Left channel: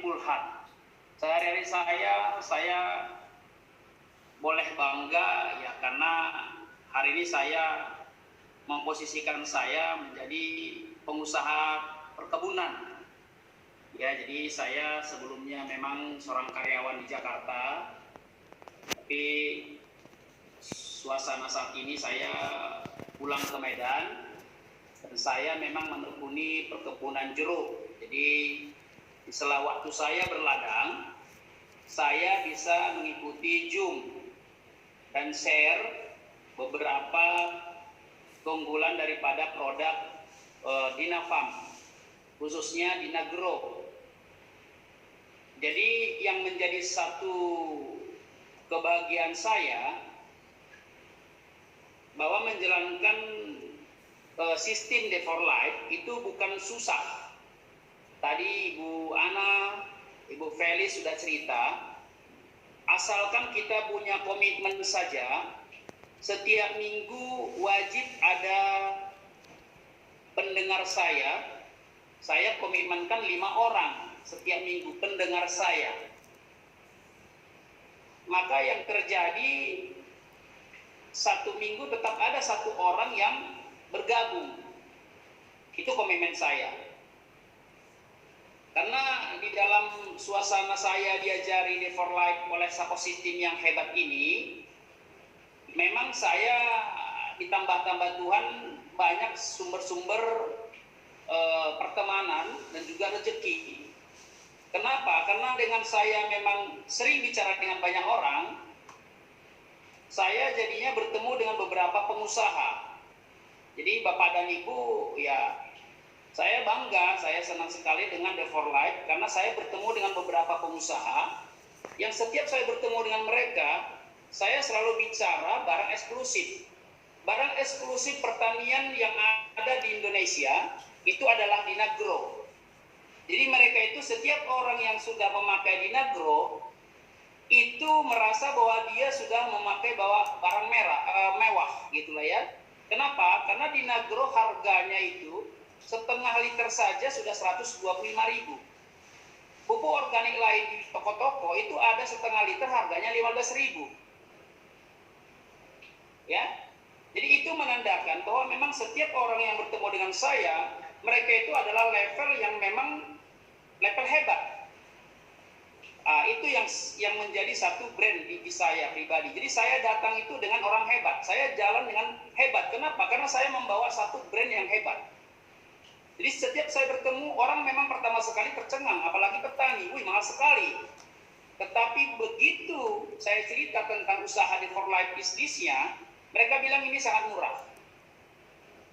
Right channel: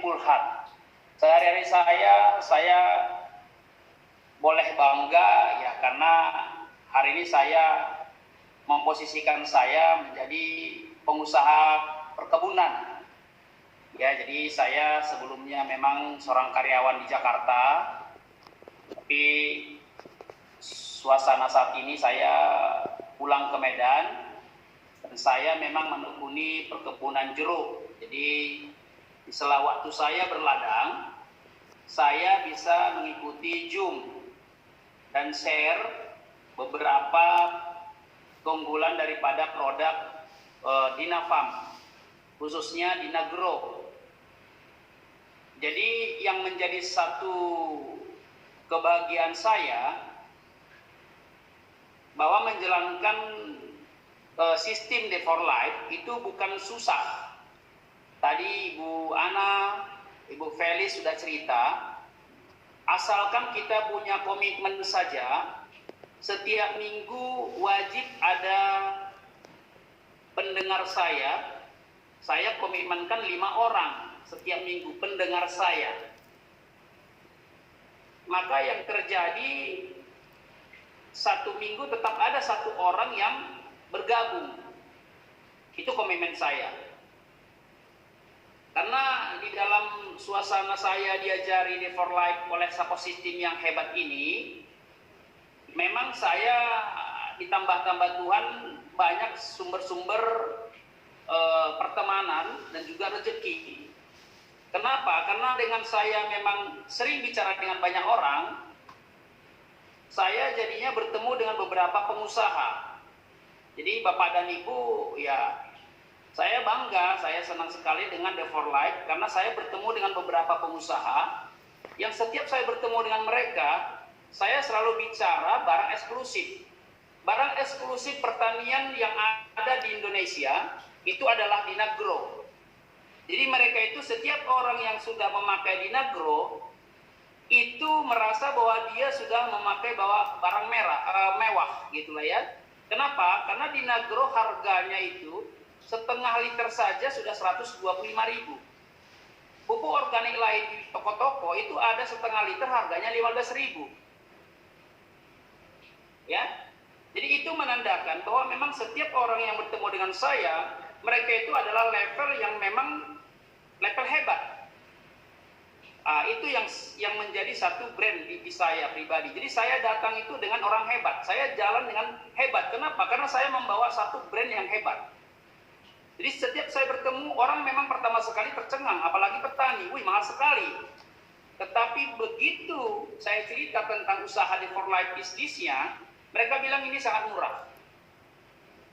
Pulhan. Sehari-hari saya boleh bangga ya karena hari ini saya memposisikan saya menjadi pengusaha perkebunan. Ya, jadi saya sebelumnya memang seorang karyawan di Jakarta, tapi suasana saat ini saya pulang ke Medan dan saya memang menekuni perkebunan jeruk. Jadi di sela waktu saya berladang, saya bisa mengikuti Zoom dan share beberapa keunggulan daripada produk Dinafarm, khususnya Dinagrow. Jadi yang menjadi satu kebahagiaan saya bahwa menjalankan sistem D4Life itu bukan susah. Tadi Ibu Ana, Ibu Felis sudah cerita, asalkan kita punya komitmen saja, setiap minggu wajib ada pendengar saya komitmenkan 5 orang setiap minggu pendengar saya. Maka yang terjadi satu minggu tetap ada satu orang yang bergabung. Itu komitmen saya. Karena di dalam suasana saya diajari D4Life oleh ekosistem yang hebat ini, memang saya ditambah-tambah Tuhan banyak sumber-sumber pertemanan dan juga rezeki. Kenapa? Karena dengan saya memang sering bicara dengan banyak orang, saya jadinya bertemu dengan beberapa pengusaha. Jadi Bapak dan Ibu, ya saya bangga, saya senang sekali dengan D4Life karena saya bertemu dengan beberapa pengusaha yang setiap saya bertemu dengan mereka, saya selalu bicara barang eksklusif. Barang eksklusif pertanian yang ada di Indonesia itu adalah Dinagrow. Jadi mereka itu setiap orang yang sudah memakai Dinagrow itu merasa bahwa dia sudah memakai barang mewah gitulah ya. Kenapa? Karena Dinagrow harganya itu setengah liter saja sudah 125.000. Pupuk organik lain di toko-toko itu ada setengah liter harganya 15.000. Ya. Jadi itu menandakan bahwa memang setiap orang yang bertemu dengan saya, mereka itu adalah level yang memang level hebat. Itu yang menjadi satu brand di saya pribadi. Jadi saya datang itu dengan orang hebat. Saya jalan dengan hebat. Kenapa? Karena saya membawa satu brand yang hebat. Jadi setiap saya bertemu orang memang pertama sekali tercengang, apalagi petani. Wih, mahal sekali. Tetapi begitu saya cerita tentang usaha D4Life bisnisnya, mereka bilang ini sangat murah.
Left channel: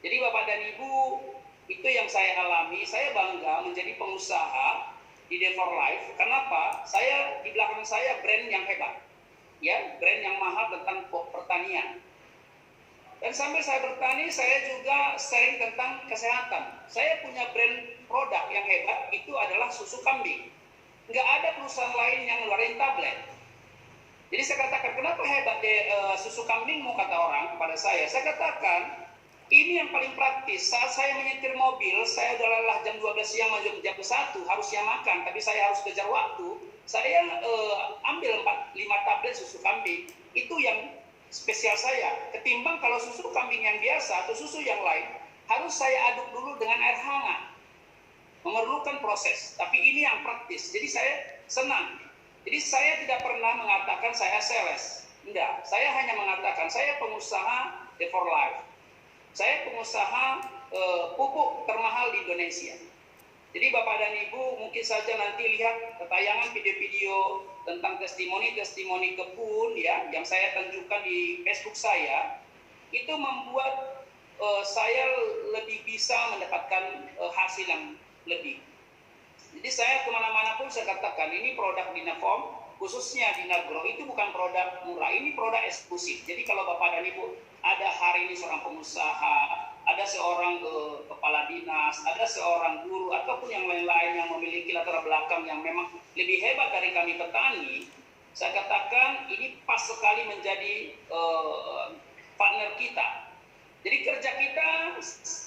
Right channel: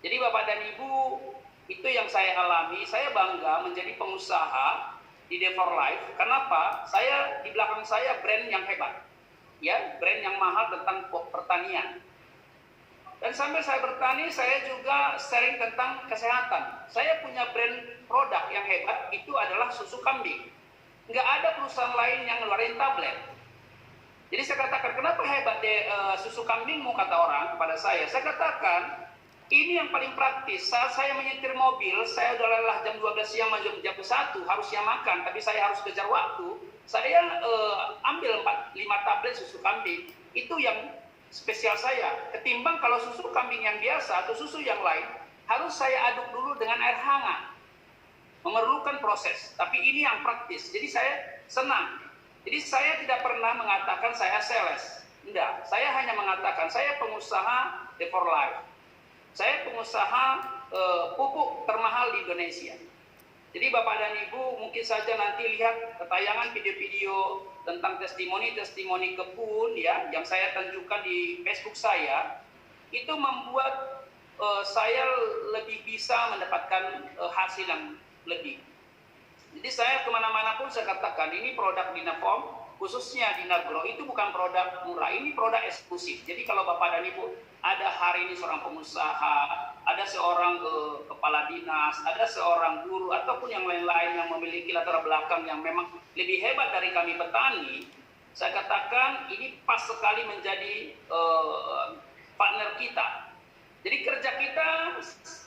Jadi Bapak dan Ibu, itu yang saya alami. Saya bangga menjadi pengusaha di D4Life. Kenapa? Saya di belakang saya brand yang hebat, ya, brand yang mahal tentang pertanian. Dan sambil saya bertani, saya juga sharing tentang kesehatan. Saya punya brand produk yang hebat, itu adalah susu kambing. Nggak ada perusahaan lain yang ngeluarin tablet. Jadi saya katakan, kenapa hebat susu kambingmu, kata orang kepada saya. Saya katakan, ini yang paling praktis. Saat saya menyetir mobil, saya udah lelah jam 12 siang menuju jam 1, harusnya makan, tapi saya harus kejar waktu. Saya ambil 5 tablet susu kambing. Itu yang spesial saya. Ketimbang kalau susu kambing yang biasa atau susu yang lain, harus saya aduk dulu dengan air hangat. Memerlukan proses. Tapi ini yang praktis. Jadi saya senang. Jadi saya tidak pernah mengatakan saya sales. Enggak. Saya hanya mengatakan saya pengusaha D4Life. Saya pengusaha pupuk termahal di Indonesia. Jadi Bapak dan Ibu mungkin saja nanti lihat tayangan video-video tentang testimoni-testimoni kebun ya yang saya tunjukkan di Facebook saya, itu membuat saya lebih bisa mendapatkan hasil yang lebih. Jadi saya kemana-mana pun saya katakan ini produk Dinafarm, khususnya Dinagrow itu bukan produk murah, ini produk eksklusif. Jadi kalau Bapak dan Ibu ada hari ini seorang pengusaha, ada seorang kepala dinas, ada seorang guru ataupun yang lain-lain yang memiliki latar belakang yang memang lebih hebat dari kami petani, saya katakan ini pas sekali menjadi partner kita. Jadi kerja kita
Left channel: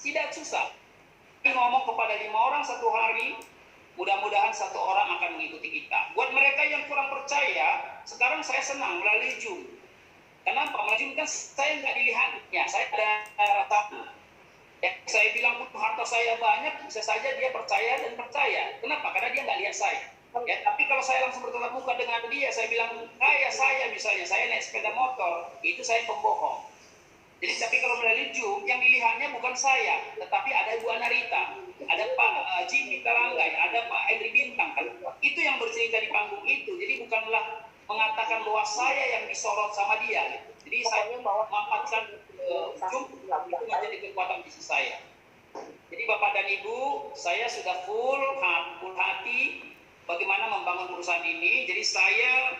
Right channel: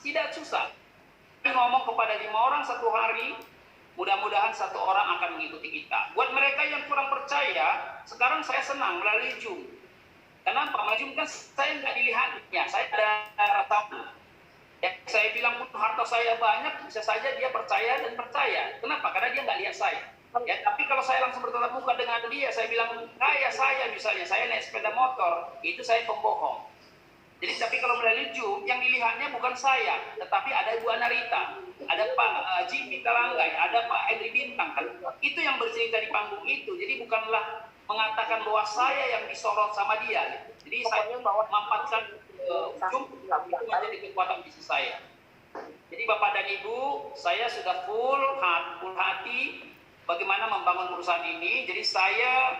tidak susah. Ngomong kepada 5 orang satu hari, mudah-mudahan satu orang akan mengikuti kita. Buat mereka yang kurang percaya, sekarang saya senang melalui Zoom. Kenapa? Melalui Zoom kan saya nggak dilihatnya, saya ada rasa. Ya, saya bilang pun harta saya banyak, bisa saja dia percaya dan percaya. Kenapa? Karena dia nggak lihat saya. Ya, tapi kalau saya langsung bertatap muka dengan dia, saya bilang, kayak saya misalnya, saya naik sepeda motor, itu saya pembohong. Jadi tapi kalau melalui Zoom, yang dilihatnya bukan saya, tetapi ada Ibu Anarita, ada Pak Jimmy Karanggai, ada Pak Henry Bintang, kan? Itu yang bercerita di panggung itu. Jadi bukanlah mengatakan bahwa saya yang disorot sama dia. Gitu. Jadi saya memanfaatkan Zoom itu menjadi kekuatan bisnis saya. Jadi Bapak dan Ibu, saya sudah full hati bagaimana membangun perusahaan ini. Jadi saya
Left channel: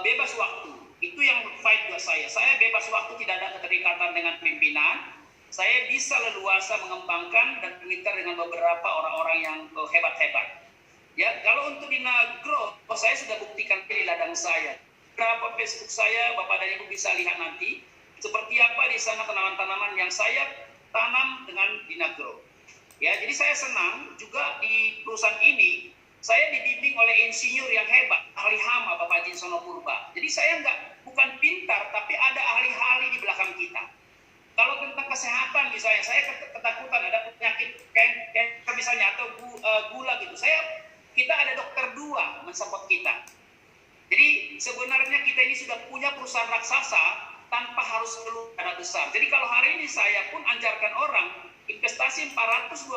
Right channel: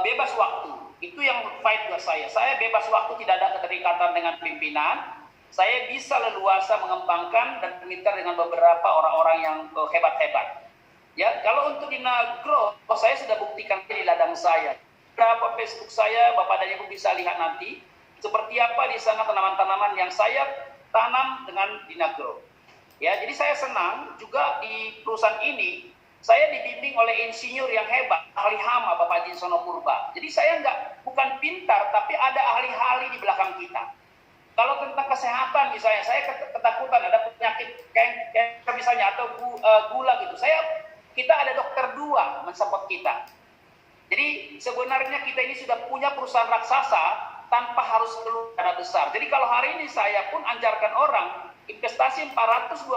bebas waktu. Itu yang fight buat saya. Saya bebas waktu, tidak ada keterikatan dengan pimpinan. Saya bisa leluasa mengembangkan dan bermitra dengan beberapa orang-orang yang hebat-hebat. Ya, kalau untuk di Nagro, saya sudah buktikan di ladang saya. Berapa Facebook saya, Bapak dan Ibu bisa lihat nanti seperti apa di sana tanaman-tanaman yang saya tanam dengan di Nagro. Ya, jadi saya senang juga di perusahaan ini. Saya dibimbing oleh insinyur yang hebat, ahli hama Bapak Jinsono Purba. Jadi saya bukan pintar, tapi ada ahli-ahli di belakang kita. Kalau tentang kesehatan misalnya, saya ketakutan ada penyakit kanker misalnya atau gula gitu. Kita ada dokter 2 mensupport kita. Jadi sebenarnya kita ini sudah punya perusahaan raksasa tanpa harus perlu dana besar. Jadi kalau hari ini saya pun anjarkan orang investasi 420.000,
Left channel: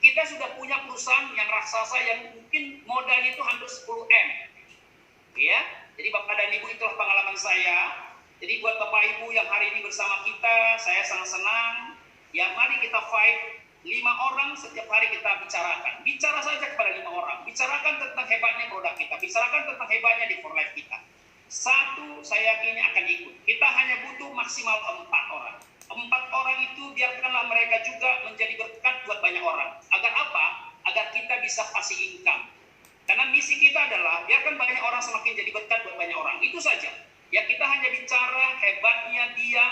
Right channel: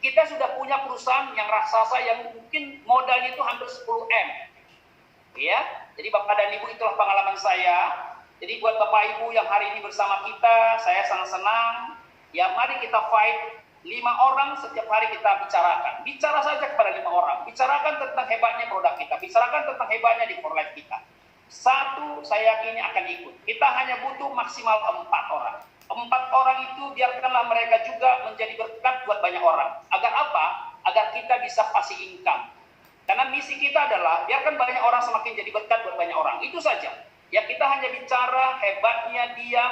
kita sudah punya perusahaan yang raksasa yang mungkin modalnya itu hampir 10 M. Ya, jadi Bapak dan Ibu, itulah pengalaman saya. Jadi buat Bapak Ibu yang hari ini bersama kita, saya sangat senang. Ya, mari kita fight 5 orang setiap hari kita bicarakan. Bicara saja kepada 5 orang. Bicarakan tentang hebatnya produk kita. Bicarakan tentang hebatnya di For Life kita. 1, saya yakini akan ikut. Kita hanya butuh maksimal 4 orang. 4 orang itu biarkanlah mereka juga menjadi berkat buat banyak orang. Agar apa? Agar kita bisa pasif income. Karena misi kita adalah biarkan banyak orang semakin jadi berkat buat banyak orang. Itu saja. Ya, kita hanya bicara hebatnya dia,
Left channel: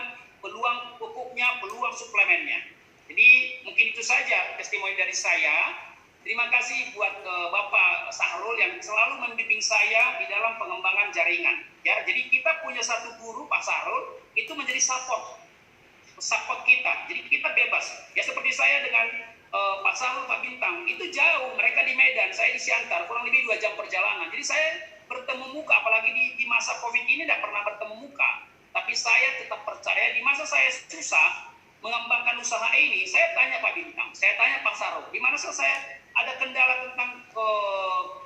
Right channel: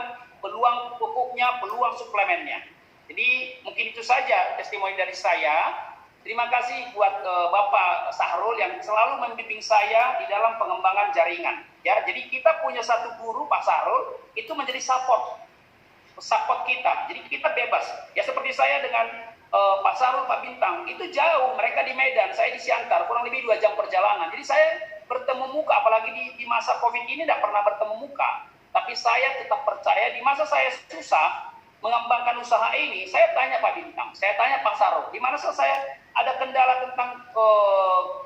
peluang pupuknya, peluang suplemennya. Jadi mungkin itu saja testimoni dari saya. Terima kasih buat Bapak Sahrul yang selalu membimbing saya di dalam pengembangan jaringan. Ya, jadi kita punya satu guru Pak Sahrul itu menjadi support kita. Jadi kita bebas. Ya seperti saya dengan Pak Sahrul, Pak Bintang, itu jauh. Mereka di Medan, saya di Siantar, kurang lebih 2 jam perjalanan. Jadi saya bertemu muka, apalagi di masa COVID ini tidak pernah bertemu muka. Tapi saya tetap percaya di masa saya susah mengembangkan usaha ini, saya tanya Pak Bintang, saya tanya Pak Sahrul, di mana saya ada kendala tentang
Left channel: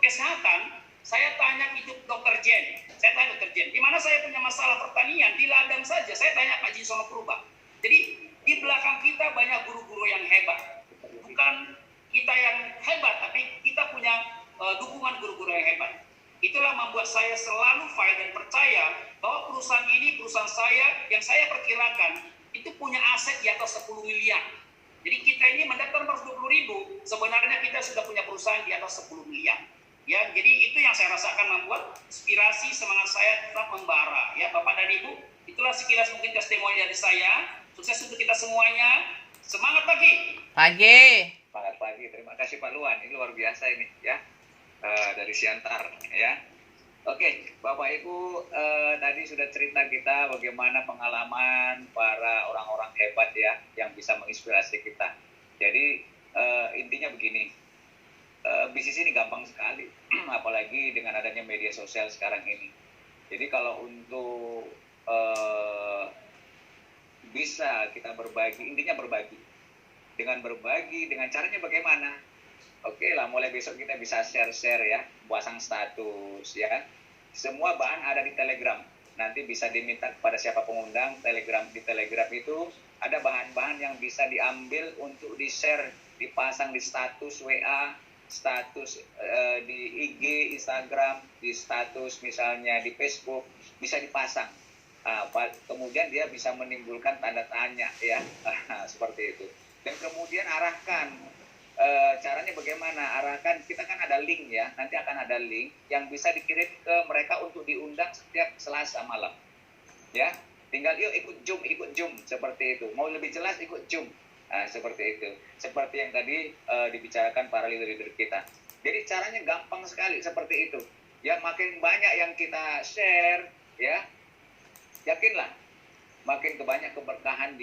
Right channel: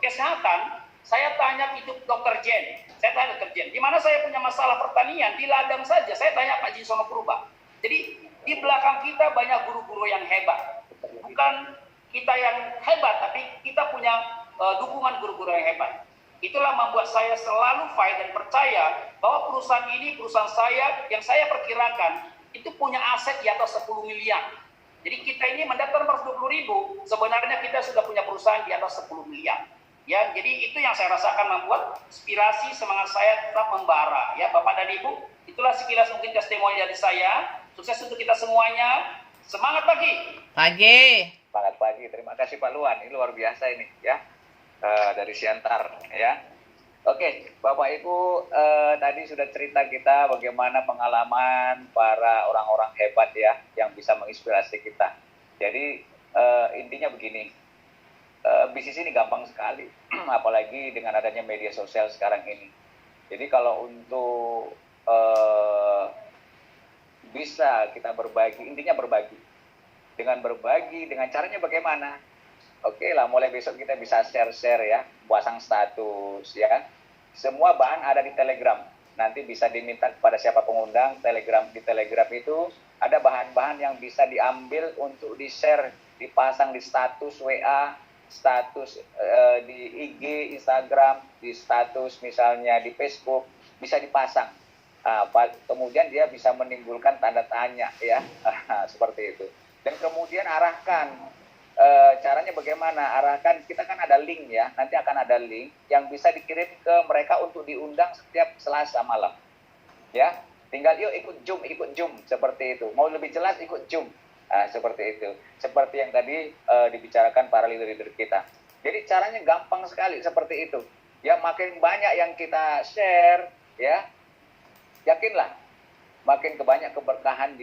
kesehatan, saya tanya itu Dr. Jen, saya tanya Dr. Jen, di mana saya punya masalah pertanian, di ladang saja, saya tanya Pak Jinsono Purba. Jadi di belakang kita banyak guru-guru yang hebat. Bukan kita yang hebat, tapi kita punya dukungan guru-guru yang hebat. Itulah membuat saya selalu fight dan percaya bahwa perusahaan ini, perusahaan saya, yang saya perkirakan, itu punya aset di atas 10 miliar. Jadi kita ini mendaftar 420.000, sebenarnya kita sudah punya perusahaan di atas 10 miliar. Ya, jadi itu yang saya rasakan membuat inspirasi semangat saya tetap membara. Ya, Bapak dan Ibu, itulah sekilas mungkin testimoni dari saya. Sukses untuk kita semuanya. Semangat pagi. Semangat pagi. Terima kasih Pak Luan. Ini luar biasa ini ya. Dari Siantar ya. Oke, Bapak Ibu, tadi sudah cerita kita bagaimana pengalaman para orang-orang hebat ya yang bisa menginspirasi kita. Jadi intinya begini, bisnis ini gampang sekali, apalagi dengan adanya media sosial sekarang ini. Jadi kalau untuk bisa kita berbagi, intinya berbagi. Dengan berbagi, dengan caranya bagaimana? Oke lah, mulai besok kita bisa share-share ya, pasang status ya. Semua bahan ada di Telegram. Nanti bisa diminta kepada siapa pengundang Telegram. Di Telegram itu ada bahan-bahan yang bisa diambil untuk di-share, dipasang di status WA, status di IG, Instagram, di status misalnya di Facebook, bisa dipasang. Kemudian dia bisa menimbulkan tanda tanya ya, seperti itu. Dan kemudian arahkan, caranya bagaimana? Arahkan, kita kan ada link ya, nanti akan ada link yang bisa dikirim ke mereka untuk diundang setiap Selasa malam. Ya, tinggal yuk ikut Zoom, seperti itu. Mau lebih jelas ikut Zoom. Seperti itu. Seperti yang tadi dibicarakan para leader-leader kita. Jadi caranya gampang sekali seperti itu. Ya, makin banyak yang kita share, ya, yakinlah makin banyak keberkahan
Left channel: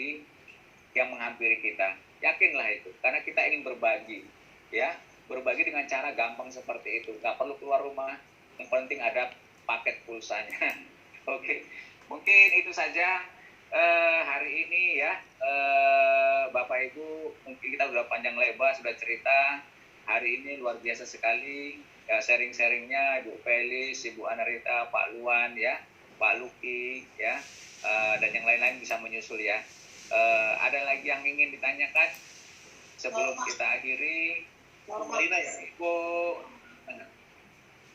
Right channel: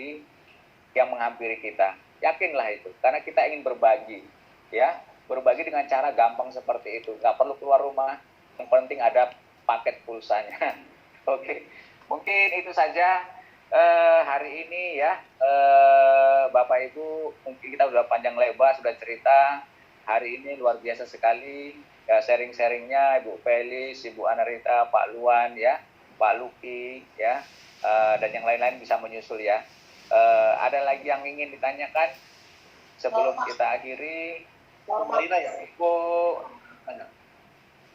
yang menghampiri kita. Yakinlah itu, karena kita ingin berbagi, ya, berbagi dengan cara gampang seperti itu. Nggak perlu keluar rumah, yang penting ada paket pulsanya. Oke, mungkin itu saja hari ini ya, Bapak Ibu, mungkin kita sudah panjang lebar, sudah cerita. Hari ini luar biasa sekali ya, sharing-sharingnya Ibu Felis, Ibu Anarita, Pak Luan ya, Pak Luki ya, dan yang lain-lain bisa menyusul ya. Ada lagi yang ingin ditanyakan sebelum kita akhiri?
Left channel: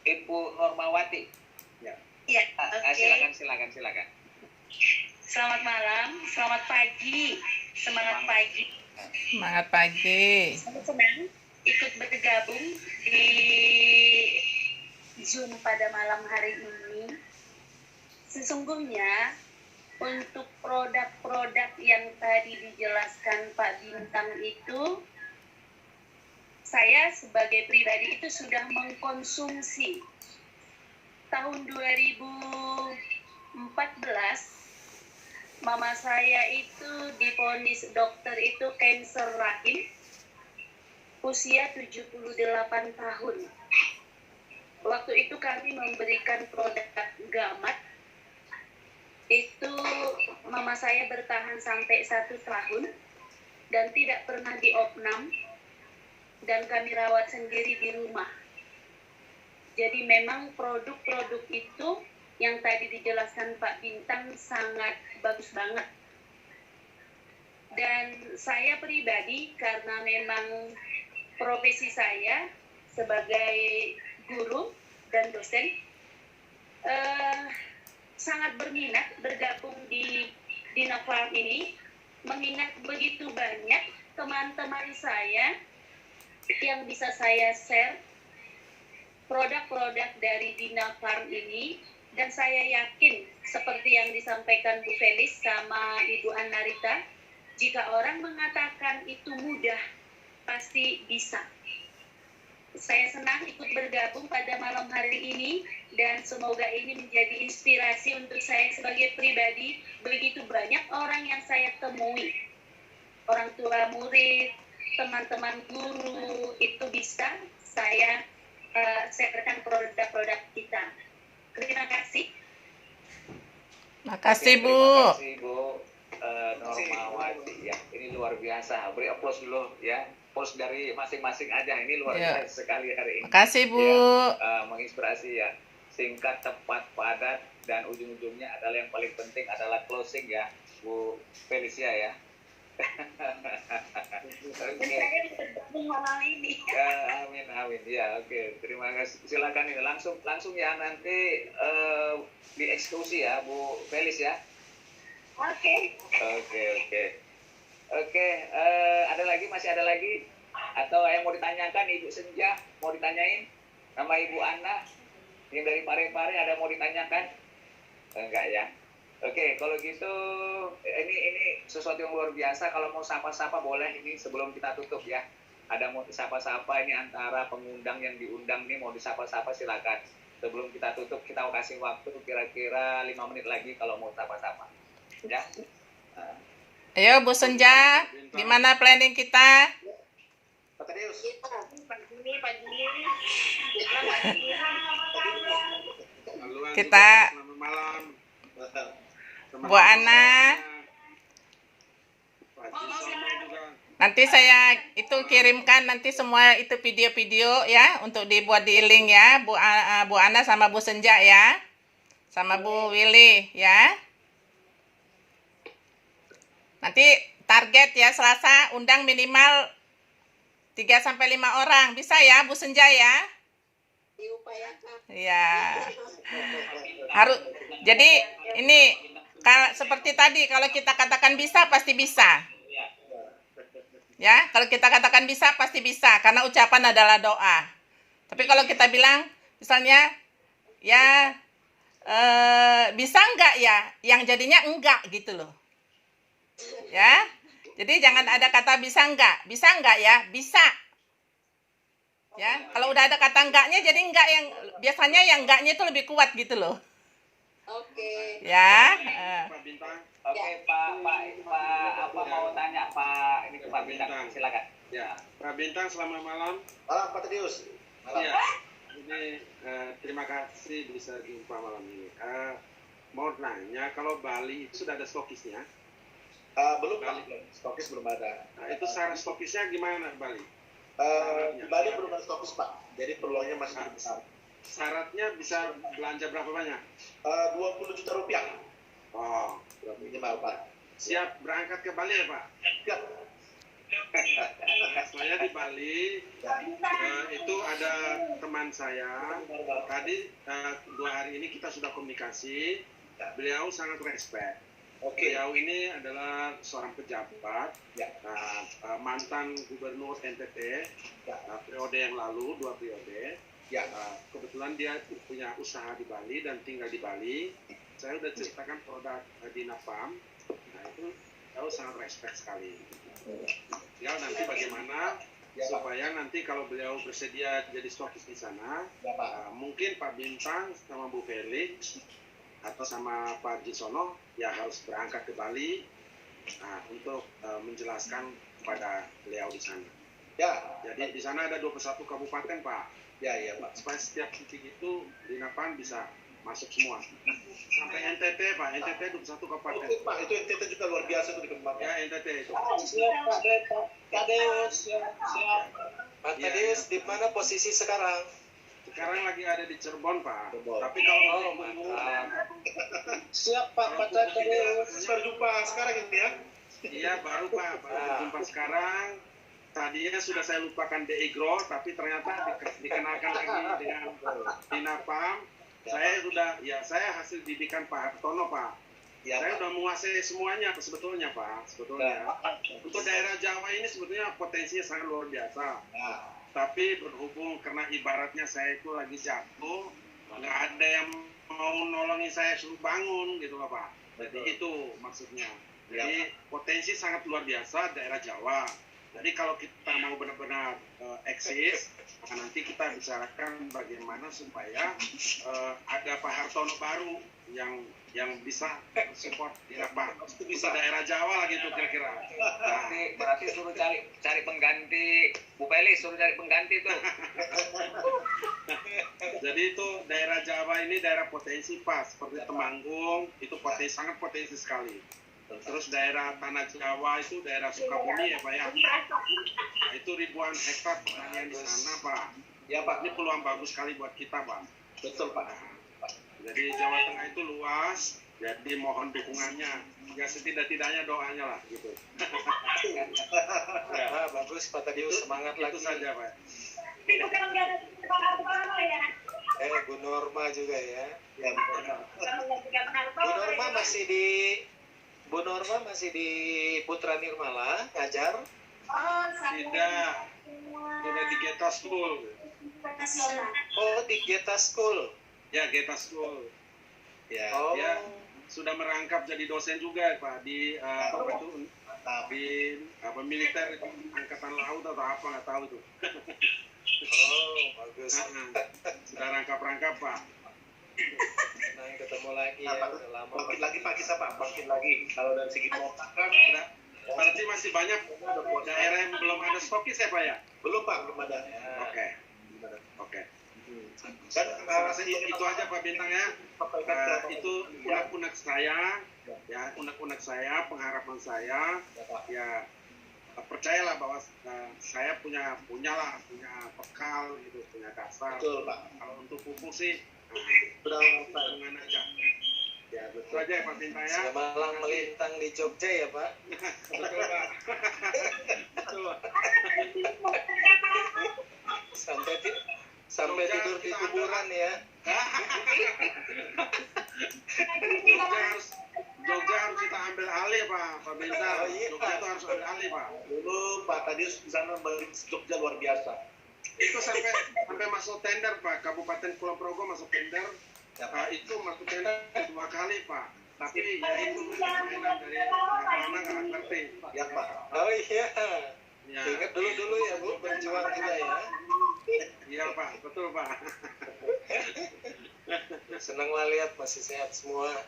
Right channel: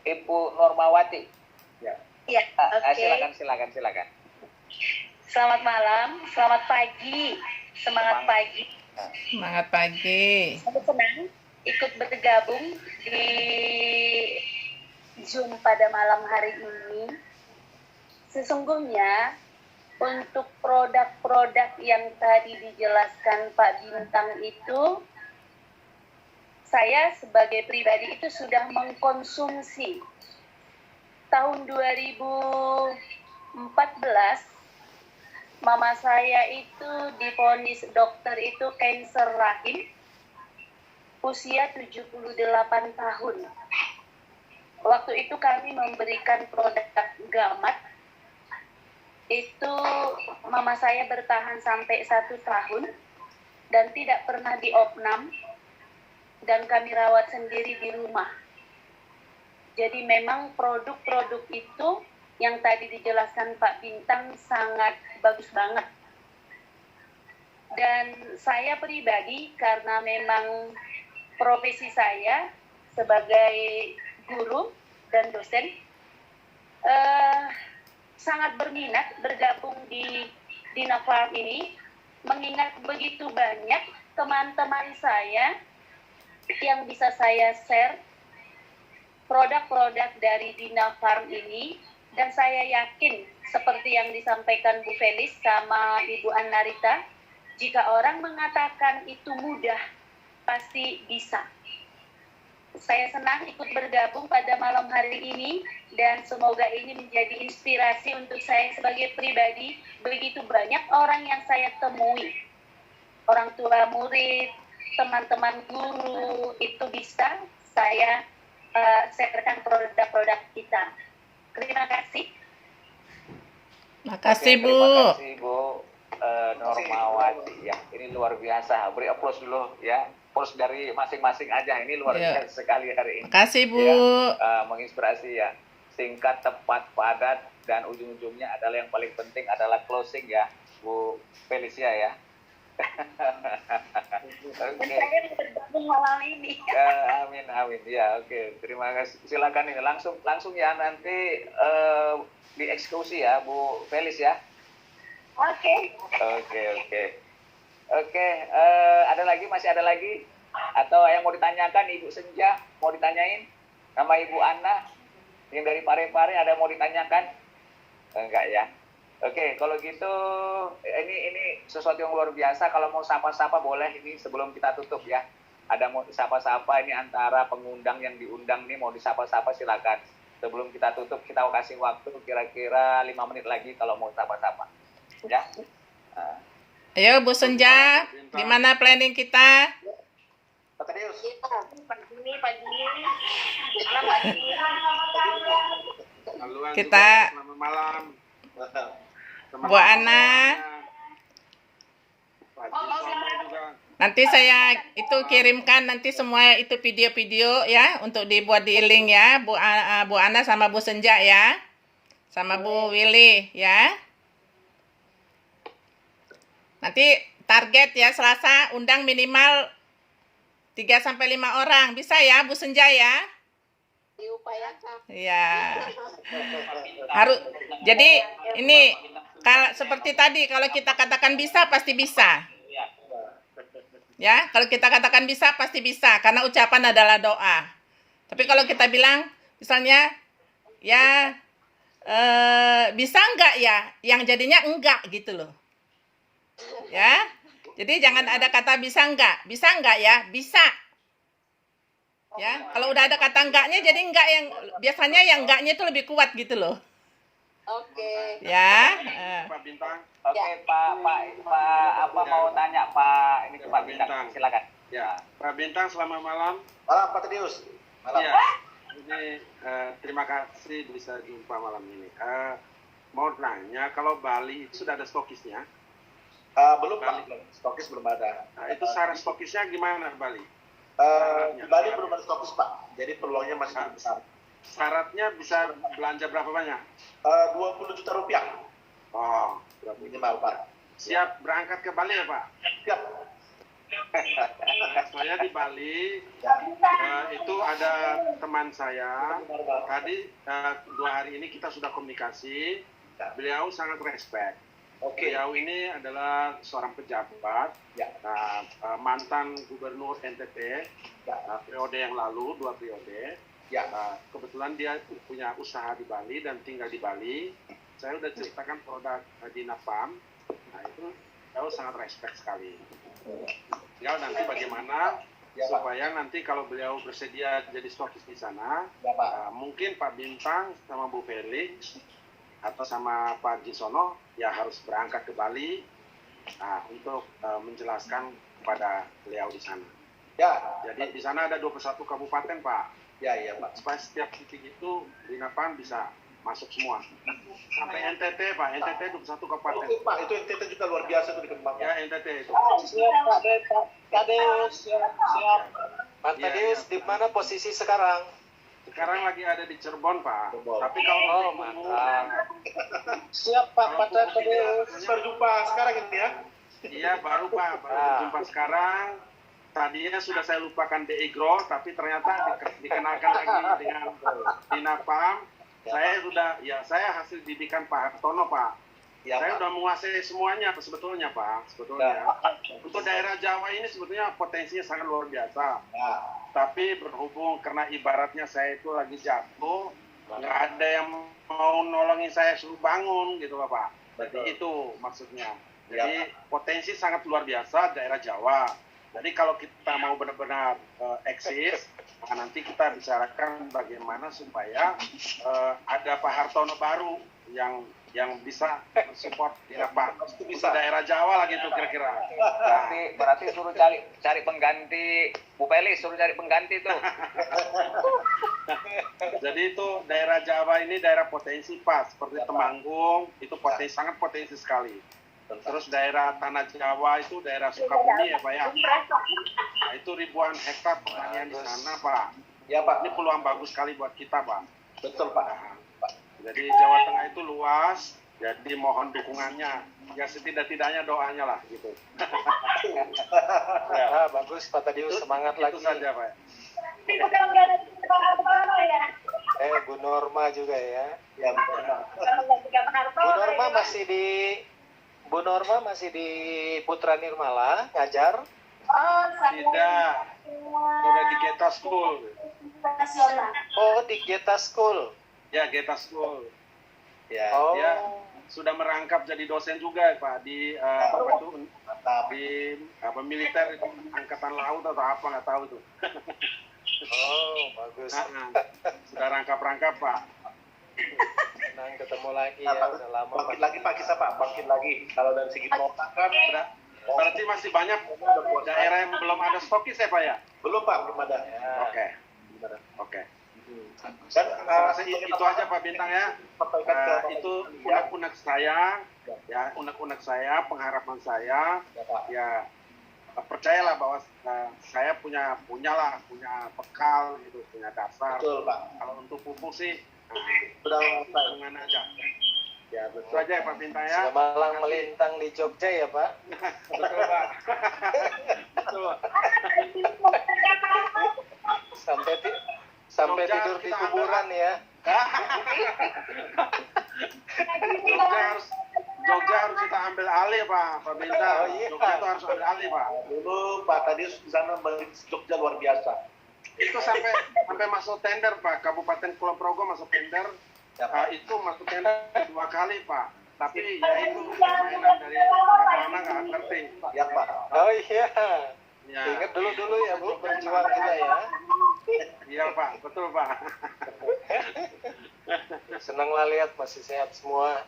Ibu Normawati. Ya. Iya, oke. Silakan. Selamat malam, selamat pagi, semangat pagi. Semangat pagi. Saya senang ikut bergabung di Zoom pada malam hari ini. Sesungguhnya untuk produk-produk yang tadi dijelaskan Pak Bintang itu, saya sebagai pribadi itu sudah mengkonsumsi. Tahun 2014 mama saya itu divonis dokter itu kanker rahim usia 78 tahun. Waktu itu kami memberikan produk gamat. Itu mama saya bertahan sampai 1 tahun dan tidak pernah diopnam dan kami rawat sendiri di rumah. Jadi memang produk-produk itu yang tadi dijelaskan Pak Bintang sangat bagus banget. Dan saya pribadi karena memang profesi saya sebagai guru dan dosen sangat berminat bergabung di Dina Farm ini, mengingat begitu banyak teman-teman saya yang bisa saya share produk-produk dari Dina Farm ini. Dan saya yakin seperti yang disampaikan Bu Felis sama Ibu Anarita, jika orang mengatakan itu mudah, pasti bisa. Saya senang ikut bergabung pada malam hari ini dan semoga ini menjadi inspirasi untuk saya sebagai pribadi. Begitu banyak orang yang saya temui, orang tua murid, teman-teman guru, itu bisa saya sharekan produk-produk kita. Terima kasih. Makasih, Bu. Terima kasih, Bu Normawati ya. Ini luar biasa. Beri aplaus dulu ya. Aplaus dari masing-masing aja. Ini luar biasa sekali hari ini. Makasih, Bu. Ya, menginspirasi ya. Singkat, tepat, padat, dan ujung-ujungnya adalah yang paling penting adalah closing ya, Bu Felicia ya. Dan saya bergabung malam ini. Amin. Ya, oke. Terima kasih. Silakan ini langsung ya nanti dieksekusi ya, Bu Felis ya. Oke. Oke. Masih ada lagi? Atau yang mau ditanyakan Ibu Senja, mau ditanyain? Nama Ibu Ana yang dari Parepare ada mau ditanyakan? Enggak ya. Oke, kalau gitu ini sesuatu yang luar biasa. Kalau mau sapa-sapa boleh ini sebelum kita tutup ya. Ada mau sapa-sapa ini antara pengundang yang diundang nih mau disapa-sapa silakan. Sebelum kita tutup kita kasih waktu kira-kira 5 menit lagi kalau mau sapa-sapa. Ya. Ayo Bu Senja, gimana planning kita? Pak Tadius. Kita selamat malam. Bu Ana, nanti saya itu kirimkan nanti semua itu video-video ya untuk dibuat di link ya, Bu Ana sama Bu Senja ya, sama Bu Willy ya. Nanti target ya Selasa undang minimal 3-5 orang, bisa ya Bu Senja ya? Diupayakan. Ya. Harus. Jadi ini seperti tadi kalau kita katakan bisa pasti bisa. Ya, kalau kita katakan bisa pasti bisa karena ucapan adalah doa. Tapi kalau kita bilang misalnya ya bisa enggak ya? Yang jadinya enggak gitu loh. Ya. Jadi jangan ada kata bisa enggak ya, bisa. Ya, kalau udah ada kata enggaknya jadi enggak yang biasanya yang enggaknya itu lebih kuat gitu loh. Oke. Ya. Pak Bintang. Oke, Pak, apa mau tanya Pak? Ini Pak Bintang, silakan. Ya, Pak Bintang, selamat malam. Malam Pak Tedius. Malam. Ya, ini terima kasih bisa jumpa malam ini. Mau nanya, kalau Bali itu sudah ada stokisnya? Belum Pak, stokis belum ada. Nah, itu syarat stokisnya gimana Bali? Di Bali belum ada stokis Pak, jadi peluangnya masih cukup besar. Syaratnya bisa belanja berapa banyak? 20 juta rupiah Oh, minimal Pak. siap berangkat ke Bali ya Pak? Siap. Saya di Bali, itu ada teman saya, tadi 2 hari ini kita sudah komunikasi, beliau sangat respect. Oke. Beliau ini adalah seorang pejabat, Ya. mantan gubernur NTT, periode yang lalu, 2 periode. Ya. Kebetulan dia punya usaha di Bali dan tinggal di Bali. Saya sudah ceritakan produk di Napam, nah itu beliau sangat respect sekali. Tinggal nanti bagaimana Ya, Pak. supaya nanti kalau beliau bersedia jadi stokis di sana, Ya Pak. mungkin Pak Bintang sama Bu Felix atau sama Pak Jisono ya harus berangkat ke Bali untuk menjelaskan kepada beliau di sana. Ya. Jadi di sana ada 21 kabupaten Pak. Ya Pak. Supaya setiap titik itu di Napam bisa masuk semua. Sampai NTT Pak, NTT 21 kabupaten. Oke Pak, itu NTT juga luar biasa tuh dikembangkan. Ya NTT itu. Siap Pak Tadeus, siap. Pak Iya, Tadeus, iya. di mana posisi sekarang? Sekarang lagi ada di Cirebon Pak. Cirebon. Tapi kalau Oh, untuk mantap. Siap Pak Tadeus. Baru jumpa sekarang ini ya. Iya baru Pak, baru berjumpa sekarang. Tadinya sudah saya lupakan DIGRO, tapi ternyata dikenalkan lagi dengan Dinapam. Saya hasil didikan Pak Hartono Pak. Ya, Saya Pak. sudah menguasai semuanya sebetulnya Pak, sebetulnya. Untuk daerah Jawa ini sebetulnya potensinya sangat luar biasa. Ya. Tapi berhubung karena ibaratnya saya itu lagi jatuh, nggak ada yang mau nolongin saya suruh bangun gitu loh Pak. Jadi Betul. itu maksudnya. Ya, Jadi potensi sangat luar biasa daerah Jawa. Jadi kalau kita mau benar-benar eksis, nanti kita bicarakan bagaimana supaya ada Pak Hartono baru yang bisa support di Napam. Itu bisa. Daerah Jawa lah gitu kira-kira. Nah, Berarti suruh cari pengganti Bu Felis, suruh cari pengganti tuh. jadi itu daerah Jawa ini daerah potensi Pak, seperti Temanggung itu sangat potensi sekali. Terus daerah Tanah Jawa itu daerah Sukabumi ya Pak ya. Nah, itu ribuan hektar pertanian di sana Pak. Ya Pak. Ini peluang bagus sekali buat kita Pak. Betul Pak. Jadi Jawa Tengah itu luas, jadi mohon dukungannya. Ya setidak-tidaknya doanya lah gitu. Ya, bagus Pak Tadeus, semangat lagi. Itu saja Pak. Bu Norma juga ya. Ya betul. Bu Norma masih di Putra Nirmala ngajar. Tidak, sudah di Geta School. Oh, di Geta School. Ya Geta School. Ya. Oh, Ya. Sudah merangkap jadi dosen juga Pak di Mantap. di militer itu angkatan laut atau apa nggak tahu itu. bagus. Sudah rangkap Pak. Senang ketemu lagi Nah, ya, Pak, udah lama. bangkit lagi Pak kita Pak, bangkit lagi. Kalau dari segi pemasaran Berarti masih banyak daerah yang belum ada stokis ya Pak ya? belum Pak, belum ada. Oke. Dan Saya rasa itu aja Pak Bintang ya. sampaikan ke Itu unek-unek saya, ya unek-unek saya, pengharapan saya, ya percayalah bahwa saya punya bekal gitu, punya dasar. betul Pak. Kalau untuk pupuk sih, Sudah hubungan aja. Ya betul aja ya Pak Bintang ya. Sudah malang melintang di Jogja ya Pak. Betul Pak. Betul. Sampai Jogja tidur di kita kuburan ya. Jogja harus kita ambil alih Pak Bintang. Oh, iya. Jogja itu harus ambil alih Pak. dulu Pak tadi di sana melihat Jogja luar biasa. Itu sampai masuk tender Pak. Kabupaten Kulon Progo masuk tender. Ya, Pak. Itu masuk tender 2 kali Pak. Tapi ya itu permainan dari anak-anak nggak ngerti. Ya Pak. Oh iya. Ya. Ingat dulu ya Bu, berjuang kita ya. Iya Pak, betul Pak. Senang lah lihat masih sehat semua.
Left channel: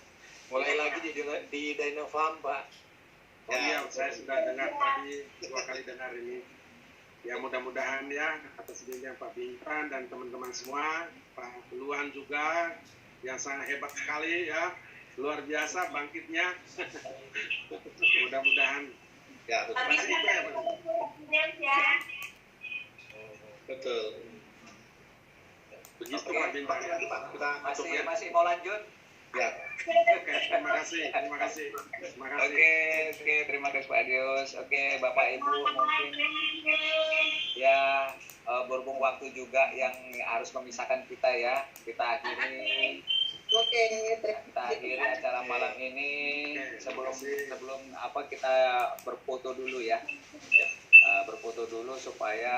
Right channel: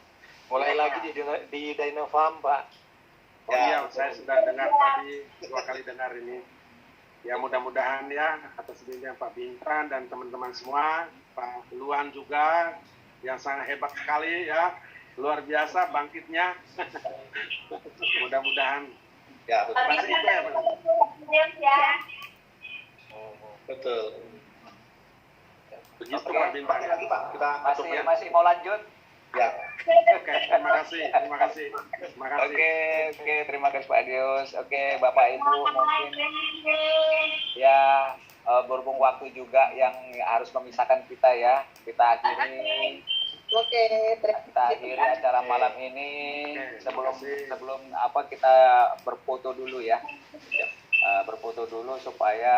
Mulai lagi di Dinofarm Pak. Oh iya, saya sudah dengar tadi 2 kali dengar ini. Ya mudah-mudahan ya atas bimbingan Pak Bintan dan teman-teman semua, Pak Luan juga yang sangat hebat sekali ya, luar biasa bangkitnya. Mudah-mudahan. Ya, betul. Masih itu ya Pak. Betul. Begitu Oke. Pak Bintan. Pakai lagi Pak, kita tutup ya. Masih mau lanjut? Ya. Oke, terima kasih. Terima kasih. Terima kasih. Oke, terima kasih Pak Dius. Oke, Bapak Ibu mungkin ya berhubung waktu juga yang harus memisahkan kita ya. Kita akhiri acara malam ini sebelum apa kita berfoto dulu ya. Berfoto dulu supaya